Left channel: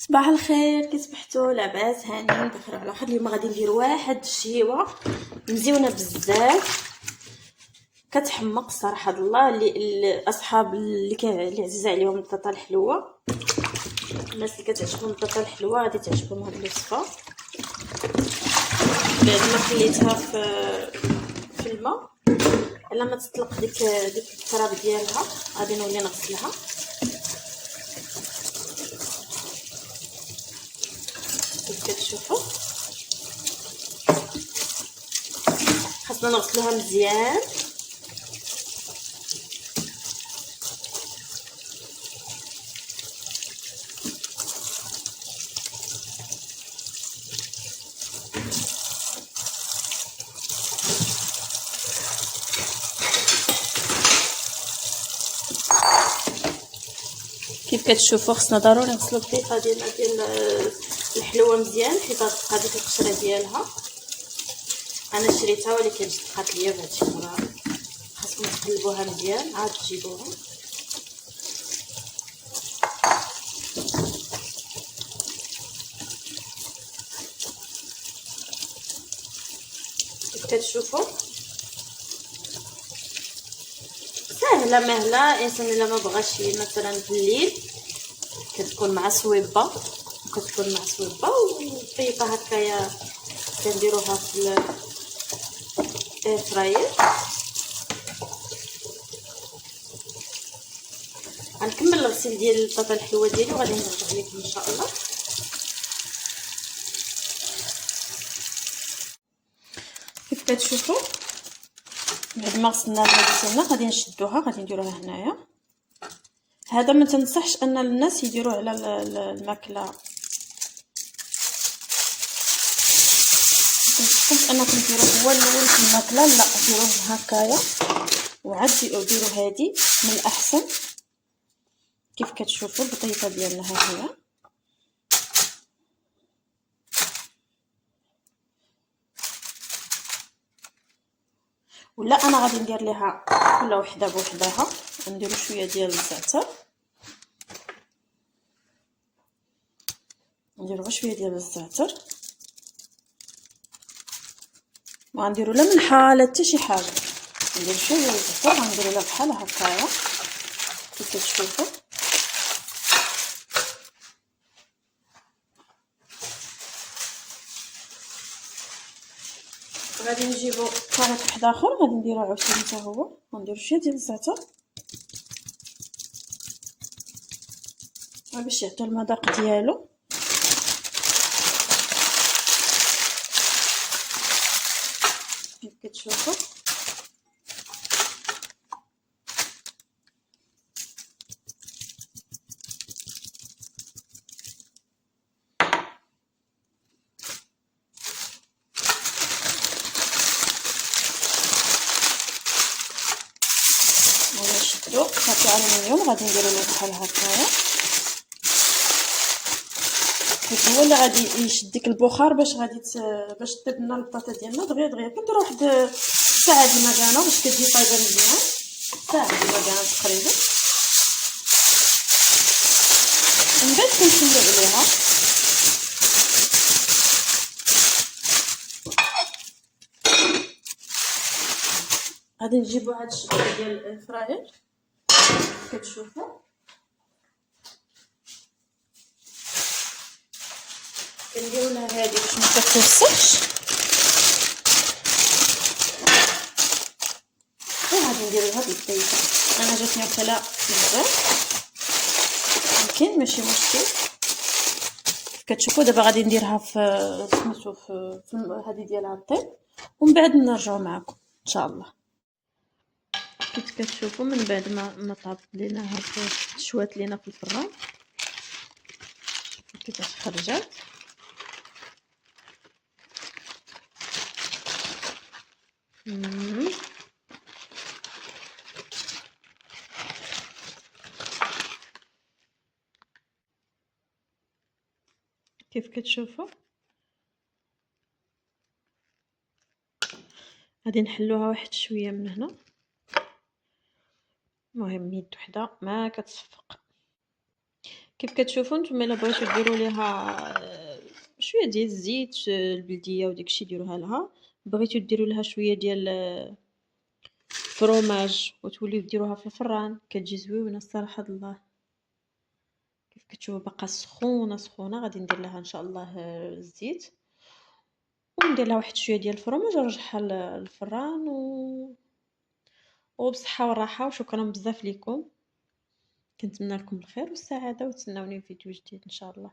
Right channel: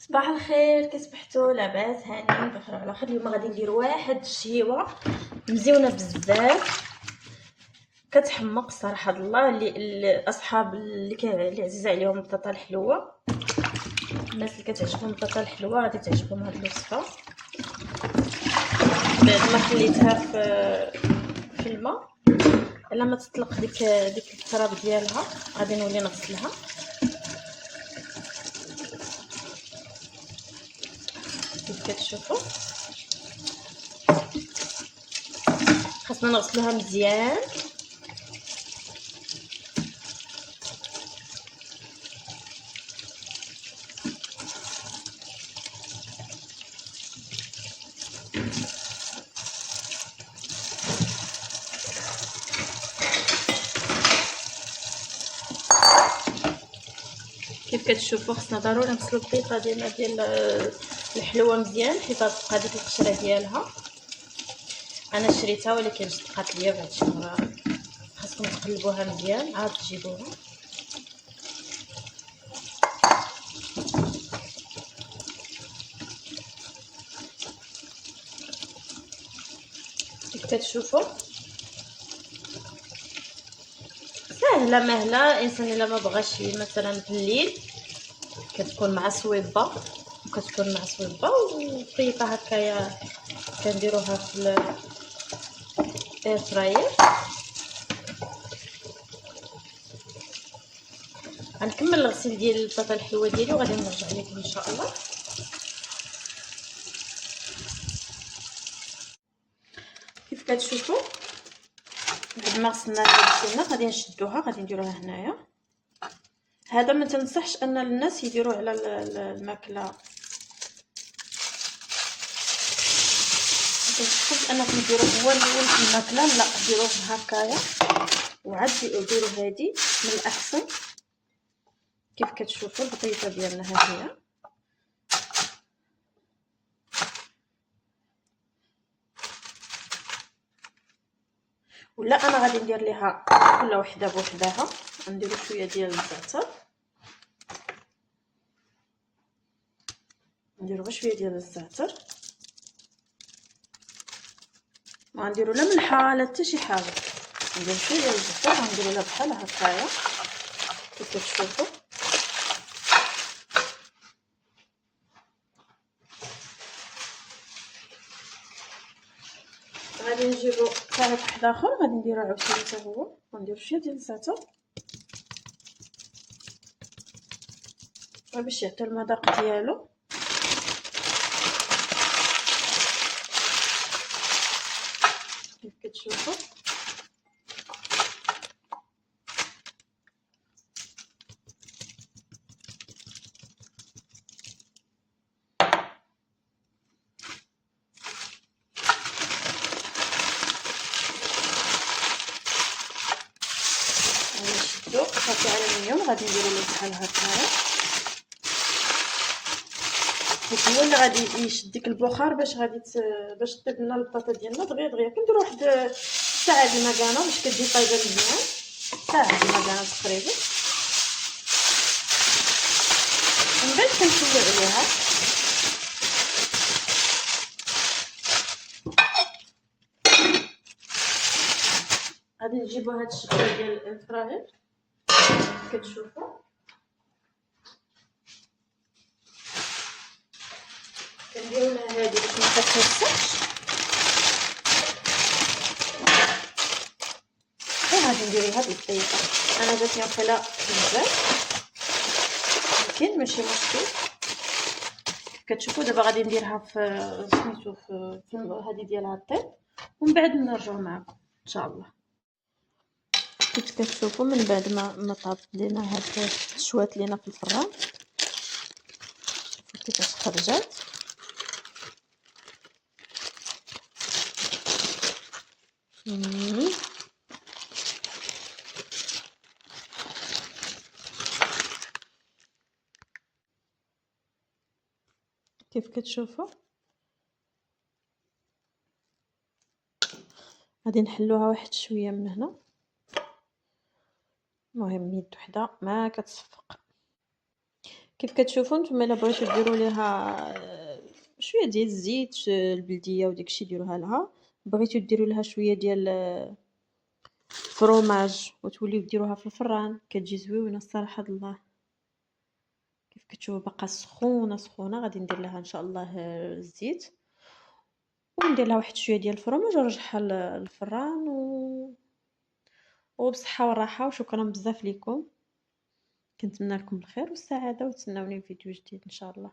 صباح الخير، كي صبحتوا؟ لاباس هانيين بخير على خير. اليوم غادي ندير واحد الشيوه مزيونه بزاف، كتحمق الصراحه الله. اللي الاصحاب اللي عزيزه عليهم البطاطا الحلوه، الناس اللي كتعجبهم البطاطا الحلوه غادي تعجبهم هاد الوصفه. بعد ما خليتها في الماء على ما تطلق ديك التراب ديالها، غادي نولي نغسلها. كيف كتشوفوا خاصنا نغسلوها مزيان. كيف كتشوفوا خصنا ضروري نغسلو البيضه ديال الحلوه مزيان حيت غتبقى ديك القشره ديالها. انا شريتها ولكن جات بقات ليا بهادشي المره. خاصكم تقلبوها مزيان عاد تجيبوها. كيف كتشوفوا سهله مهله. الانسان الا ما بغاش مثلا في الليل كتكون مع صويبه وطيبه هكايا كنديروها في الاير فراير. غنكمل الغسيل ديال البطاطا الحلوه ديالي وغادي نرجع لكم ان شاء الله. كيف كتشوفوا بعد ما غسلنا السنه غادي نشدوها، غادي نديروها هنايا. هذا ما تنصحش ان الناس يديروه على الماكله، ما تنصحش انكم ديروه هو الاول في الماكله، لا ديروه هكايا وعاد ديروا هذه من الاحسن. كيف كتشوفوا البطيطه ديالنا ها هي، ولا انا غادي ندير ليها كل وحده بوحدها. نديروا شويه ديال الزعتر، نديروا غير شويه ديال الزعتر، ما غنديروا لا ملحه لا حتى شي حاجه. نديروا شويه ديال الزعتر غنديروا لها بحال هكايا كيف كتشوفوا. غادي نجيبو خليط واحد اخر غادي نديرو عاوتاني حتى هو، غنديرو شويه ديال الزعتر باش يعطي المذاق ديالو. كيف كتشوفوا نشدو صافي الومنيوم غادي نديرو له بحال هكايا، حيت هو اللي غادي يشد ديك البخار باش باش طيب لنا البطاطا ديالنا دغيا كنديرو واحد ساعه د المكانه باش كتجي طايبه مزيان. ساعه د المكانه تقريبا، من بعد كنشوفو عليها. غادي نجيبو هاد الشبكه ديال الفراير كتشوفوا كنديرو لها هادي باش ما تتوسخش، وغادي نديريها بالزيت. انا جاتني وكلا بزاف ولكن ماشي مشكل. كتشوفوا دابا غادي نديرها في سميتو في هذه ديالها الطيب ومن بعد نرجعوا معكم ان شاء الله. كيف كتشوفوا من بعد ما طاب لينا هاد شوات لينا في الفران، شوفوا كيفاش خرجات. كيف كتشوفوا غادي نحلوها واحد شويه من هنا. المهم يد وحده ما كتصفق. كيف كتشوفوا نتوما إلا بغيتو ديروا ليها شوية ديال الزيت البلدية وداك الشي ديروها لها، بغيتو ديروا لها شوية ديال فرomage وتوليو ديروها في الفران، كتجي زويونة الصراحة د الله. كيف كتشوفوا باقا سخونة، سخونة، غادي ندير لها إن شاء الله الزيت، وندير لها واحد شوية ديال الفرomage ونرجعها للفران وبالصحة والراحة، وشكرًا بزاف ليكم، كنتمنى لكم الخير والسعادة، وتسناوني في فيديو جديد إن شاء الله.